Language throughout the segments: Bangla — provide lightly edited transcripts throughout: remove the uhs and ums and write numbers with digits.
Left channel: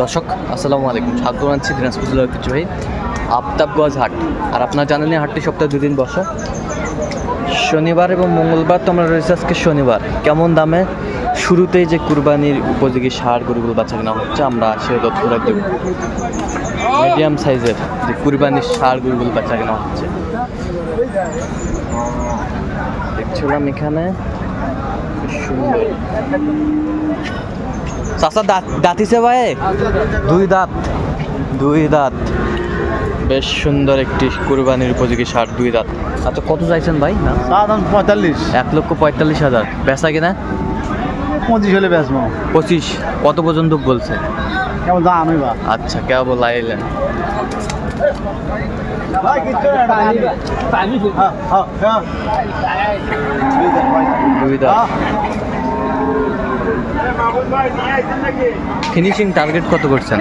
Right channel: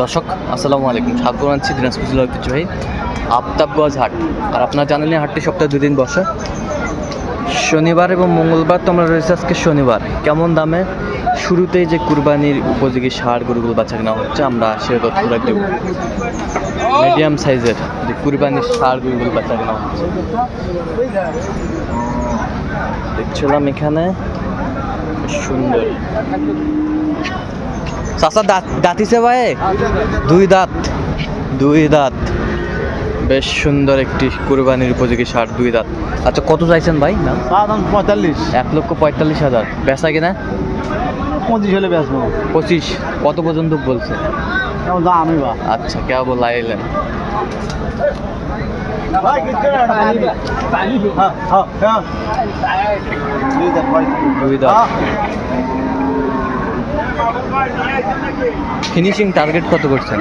দর্শক আসসালামু আলাইকুম, স্বাগত জানাচ্ছি দিনাজপুর জেলার ঐতিহ্যবাহী আফতাবগঞ্জ হাট। আর আপনারা জানেন হাটটি সপ্তাহে 2 দিন বসে, শনিবার এবং মঙ্গলবার। তো আমরা রয়েছে আজকে শনিবার। কেমন দামে শুরুতেই যে কুরবানির উপযোগী ষাঁড় গরুগুলো বাচ্চা কেনা হচ্ছে, আমরা সে তথ্য দেব। মিডিয়াম সাইজের যে কুরবানির ষাঁড় গরুগুলো বাচ্চা কেনা হচ্ছে দেখছিলাম এখানে, সুন্দর। চাচা দাঁতিছে ভাই, দুই দাঁত বেশ সুন্দর একটি কুরবানির উপযোগী ষাঁড়, 2 দাঁত। আচ্ছা, কত চাইছেন ভাই? না 45, 1,45,000। বেচা কিনা 25 হলে বেচবো। 25। কত পর্যন্ত বলছে? কেমন দাম হইবা? আচ্ছা, কেবল আইলেন। দুই দাঁত। ফিনিশিং টার্গেট কত করছেন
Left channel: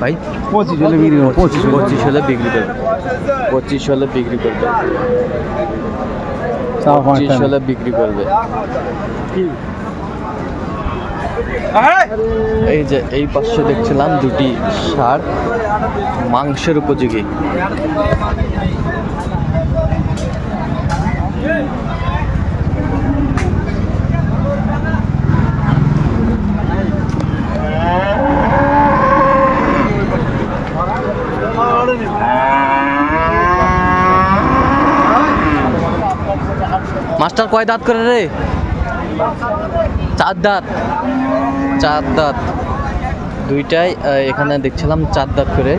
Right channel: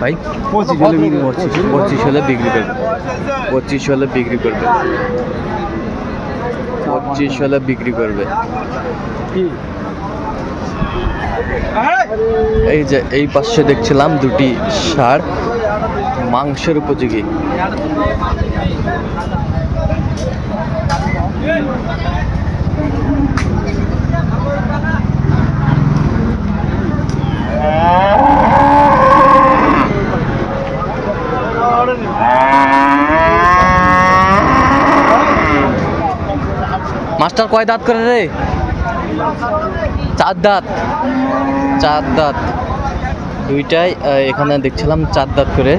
ভাই? 25 হলে বিক্রি করবে। 25 হলে বিক্রি করবে। 25 হলে বিক্রি করবে। 25 হলে বিক্রি করবে। এই যে এই পাশে দেখছিলাম দুটি ষাঁড় মাংসের উপযোগী। মাস্টার কয় দাঁত করে রে? 4 দাঁত। 4 দাঁত দুইটাই এখানে দেখছিলাম 4 দাঁত করে।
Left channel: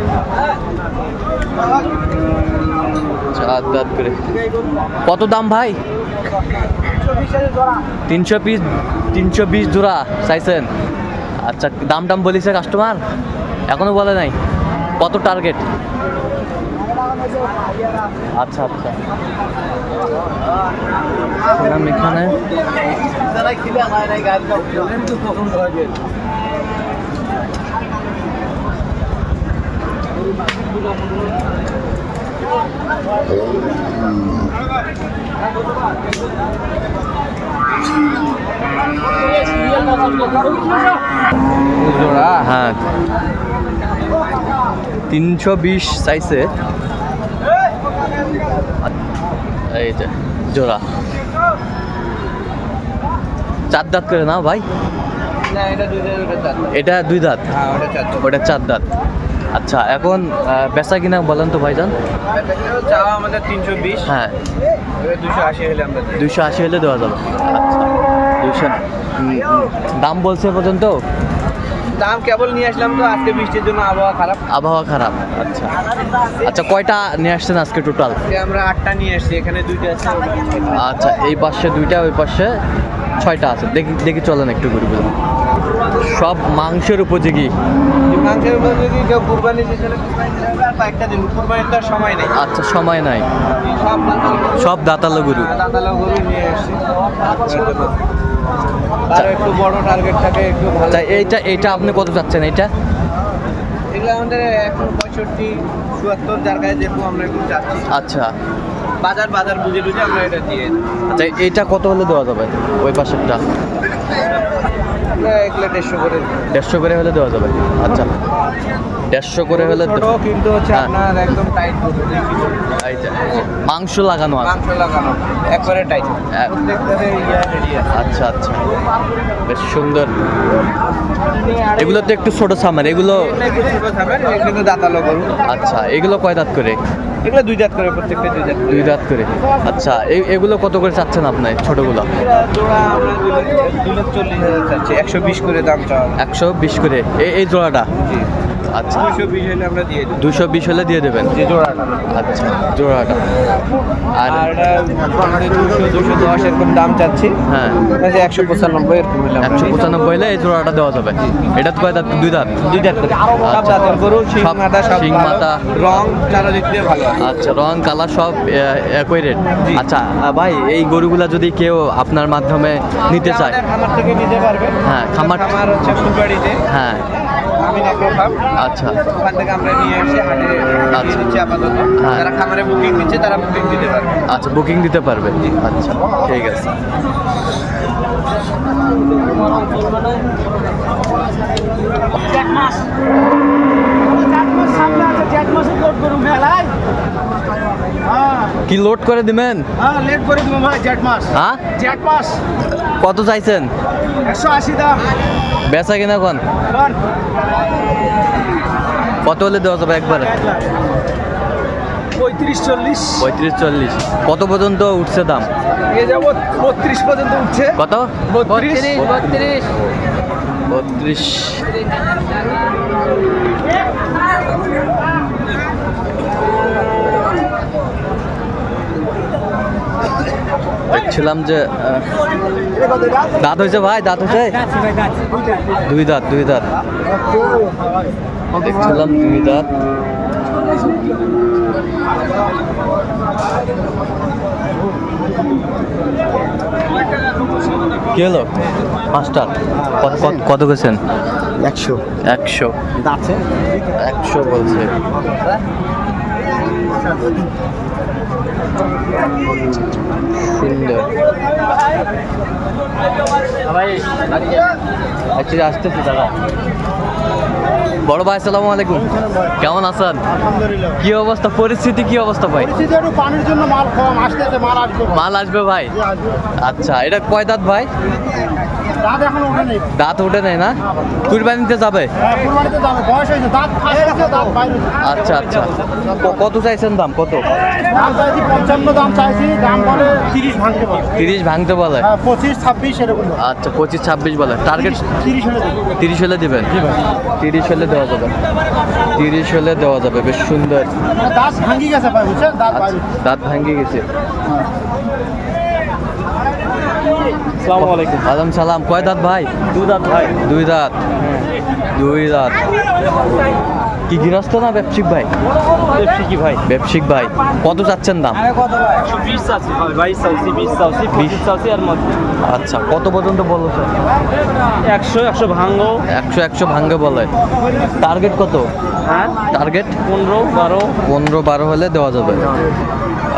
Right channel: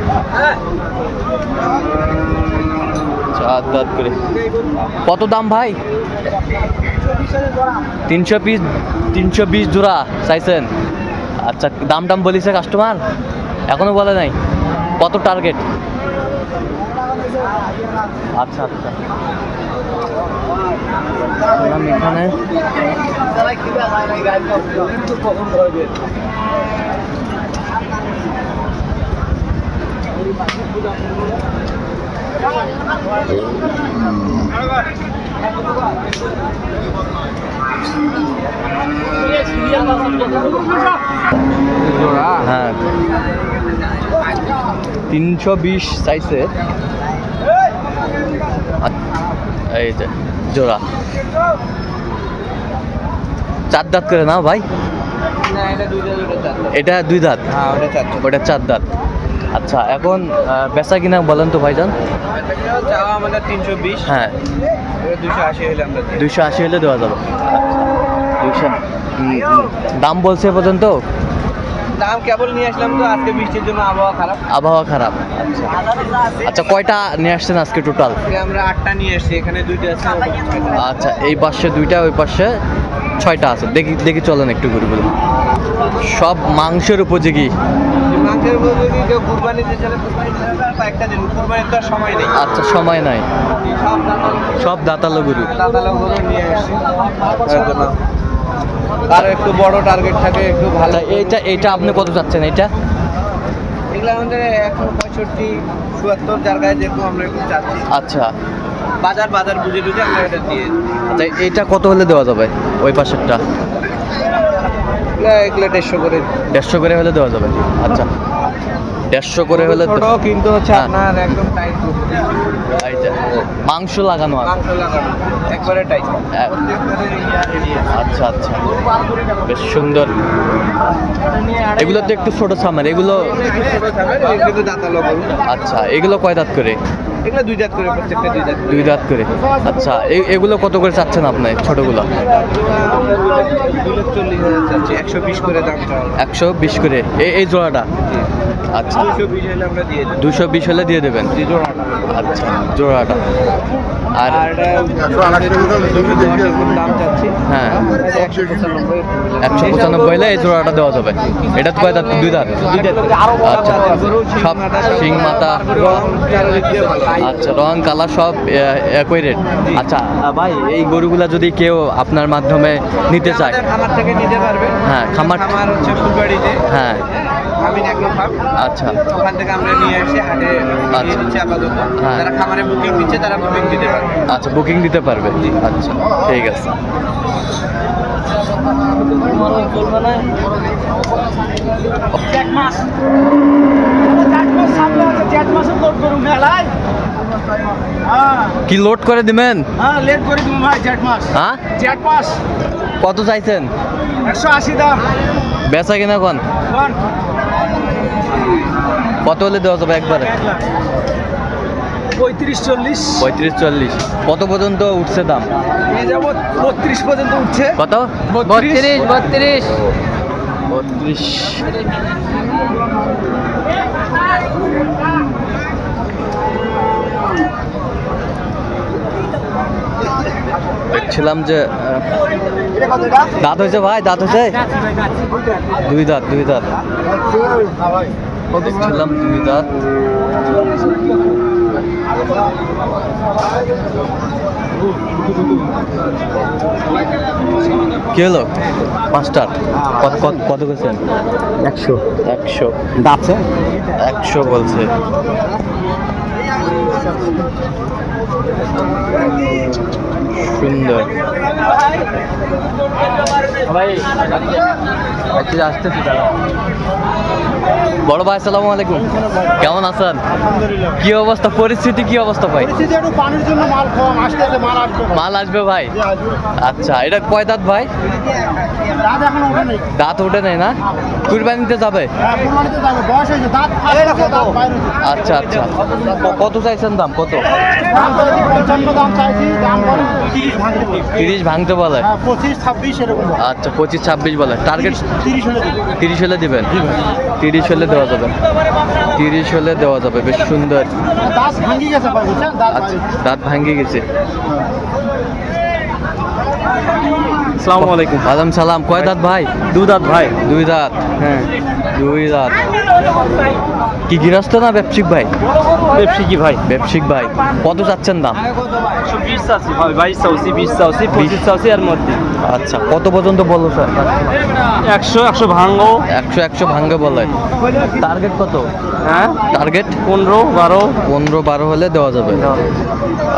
4 দাঁত করে। কত দাম ভাই? 320 জোড়া চাইছেন? আচ্ছা, দাম বলিছে কাস্টমার? এখনো বলে নাই? কত টার্গেট? আচ্ছা আচ্ছা, এখানে হ্যাঁ 320 চাইছে। এই যে জোড়া 4 দাঁত করে না ভাই? এটা 2 দাঁত, ওটা 4 দাঁত। আচ্ছা, এখন বেচা কিনা বলেন তো ভাইজান? আমাদের 320। হ্যাঁ, 280 হলে দেওয়া যাবে। আচ্ছা, 200 দাম বলছে পর্যন্ত? দাম কেবল নিয়ে আসলাম তো, আজকে বৃষ্টির জন্য আবহাওয়া খারাপ। আচ্ছা আচ্ছা, কয়টা নিয়ে আসছেন আজকে টোটাল? আমরা 8টা নিয়ে আসছি, এখানে 2টা আছে। আচ্ছা, এই পাশে 2টা, ওই পাশে 6টা আছে। দেখি চলেন একটু ঘুরবো। সব মাংসের উপযোগী। মাংসের উপযোগী কেউ কুরবানিতে চলে, একটা দিন কুরবানির তো সময় নেই। আচ্ছা, সময় নাই। সব দাঁতালো গরু নিয়ে আসছি। আচ্ছা, একটু বড় টার্গেট থাকে, একটু ভালো। এইটা আপনি কত চাচ্ছেন? এইটা এগুলো আমাদের 165-76 জায়গায় যেরকম আমরা একটু চাচ্ছি। আচ্ছা, বাজার বুঝে আমরা এটা দিয়ে। আচ্ছা, এইটা কত হলে দেওয়া যাবে? ওই পাশেরটা এগুলো 150 করে। 150 করে হলে দেওয়া যাবে। আচ্ছা, 150 করে হলে কিন্তু হচ্ছে আপনার একদম টাইট মাংস লাগানো আছে, একবারে টাইট। আচ্ছা আচ্ছা, বেশ সুন্দর। এগুলো তো একটু ছোট সামার, এগুলো কিন্তু দাঁতালো গরু। আচ্ছা, এগুলো কয় দাঁত করে? এগুলো 2 দাঁত করে, প্রত্যেকটা 2 দাঁত করে। আচ্ছা, এগুলো কত করে চাচ্ছেন আপনি ছোটগুলো? 40,000 চাচ্ছি, 120 করে দাম চাওয়া। 120 করে এই জোড়াটা? আচ্ছা, 220 হলে আমরা দিয়ে দেব। 220 হলে দিয়ে দেবেন জোড়াটা? আচ্ছা, জোড়াটা। আর এটা 210 এরকম দাম চাচ্ছি। হ্যাঁ, 195। 195 হলে এই জোড়াটা দেওয়া যাবে। এটা তো কয় দাঁত? 2 দাঁত। 2 দাঁত করে। আচ্ছা, সব শিং মাথা, রং চারা দিতে ভালো। আচ্ছা, রং কালার সব একই রেট। আচ্ছা ভাই, এই গরুগুলা যদি কেউ আপনার মাধ্যমে নিতে চায়? খামার থেকে নিতে পারবে। হ্যাঁ, খামার হচ্ছে ফুলবাড়িতে। হ্যাঁ, আমি এগ্রো ফার্ম। আচ্ছা, ওখান থেকে আমরা নিয়ে এসে হাটে আচ্ছা দিচ্ছি আপাতত। হ্যাঁ, যারা খামারে বুকিং দিচ্ছে তারা বুকিং দিতে পারবে। আচ্ছা, বুকিং দিতে পারবে। আচ্ছা, ঠিক আছে। কি লোড করে দিবেন? হ্যাঁ লেট করে দিব ভাই, জ্যাট মাস। হ্যাঁ, জ্যাট মাস কত চাইছেন? 180 দাম। বেচা কিনা কোন কোন কত হলে দেওয়া যাবে একবারে? 35-40 35-40। কত পর্যন্ত উঠছে দাম? নিয়ে যাব 32 পর্যন্ত উঠছে। কত? 32 32। দেখছিলাম যে দাঁত হয়েছে ভাই, দাঁত হয়েছে? দুই দাঁত, দুই দাঁত। দেখছিলাম দুই দাঁত। কি হলো মাস্টার? কত গেছেন? 100 100। দাঁতছে 100 বলছে। সুন্দর ভাই, আচ্ছা আসতেছি দাদা। বড় ভাই আসসালামু আলাইকুম, কেমন আছেন? আলহামদুলিল্লাহ। কি অবস্থা, পরিস্থিতি কি অবস্থা ভাই? পরিস্থিতি একটু পানির জন্য মাল কম আসতেছে, মাল আসবে ভাই। মাল আসবে ভাই? জি, আসবে। আচ্ছা, এটা কয় দাঁত ভাই? দাঁত এখনো ওঠে নেই। দাঁত ওঠে নাই না? কুরবানিতে যাবে? হ্যাঁ, কুরবানিতে যাবে, বয়স হয়েছে, দাঁত ফাঁস হয়েছে, দাঁত বাইরে হয়েছে। আচ্ছা আচ্ছা। কত চাইছেন দাম? কত? দাম চাইছি 55 দাম চাইছি, দাম বলে 30 ভাঙতে বলে। 30 ভাঙতে বলে? হ্যাঁ, 25-26 এরকম বলে। আচ্ছা, 25-26 বলে। টার্গেট 30 হলে দেবে। 30 হলে দিবেন? 30 হলে দেওয়া যাবে, 30 হলে দেওয়া যাবে। বেশ সুন্দর। দাঁত ভাঙি গেছে ভাই, বুঝছেন? দাঁত আচ্ছা, বাইরে। দাঁত ভাঙ্গি গেছে। আসসালামু আলাইকুম। ওয়ালাইকুম সালাম। কয় দাঁত ভাই? দুই দাঁত ভাই। দুই দাঁত। হ্যাঁ, দুই দাঁত। কি গৃহস্থ না ব্যবসায়িক ভাই? ব্যবসায়ী ভাই। ব্যবসায়িক ভাই। কত চাচ্ছেন দাম? 120 চাচ্ছি ভাই, 22 চাচ্ছি, 20 চাচ্ছি, 25 চাচ্ছি এর মধ্যে। আচ্ছা, কত পর্যন্ত বলো স্যার? 100 ভাঙো। 100 ভাঙ্গে বলে। টার্গেট কত? হ্যাঁ, টার্গেট 15-12। 15-12 হলে দেওয়া যাবে।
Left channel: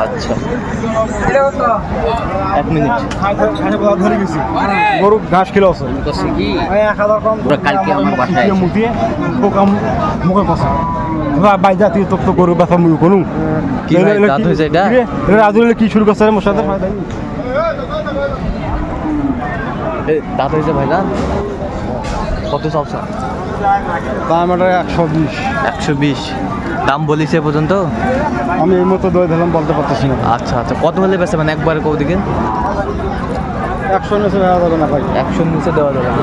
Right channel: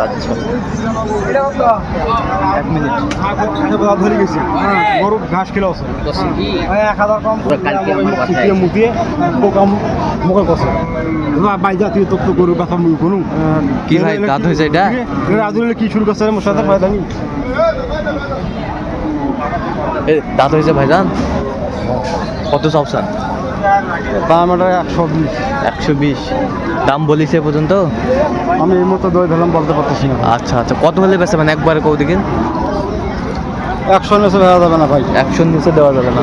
আচ্ছা, 1 মিনিট। ধরে গেছি গরু ঘাস কিলো আছে 1000 কম কালকে মুটিয়ে মুখে কষা ভাই জাতীয় তো গরু ব্যথা মুই কোনো কি ভাই দাঁত হয়েছে এটা? রাজুলে কি শুরু করছে মশলাদার ফায়দা নেই। দাঁত হয়েছে ভাইজান? কত চাওছেন? দাম এটা 120। 120 দাম বলিছে এ পর্যন্ত? আমি এই মতো দই দিলাম, বলতে পারতেছি না। আচ্ছা আচ্ছা, কত হলে বেছে মানে একবারে কৌ দিকে? 100 নিচে দেওয়া যাবে না ভাই। 100 নিচে দেওয়া যাবে না।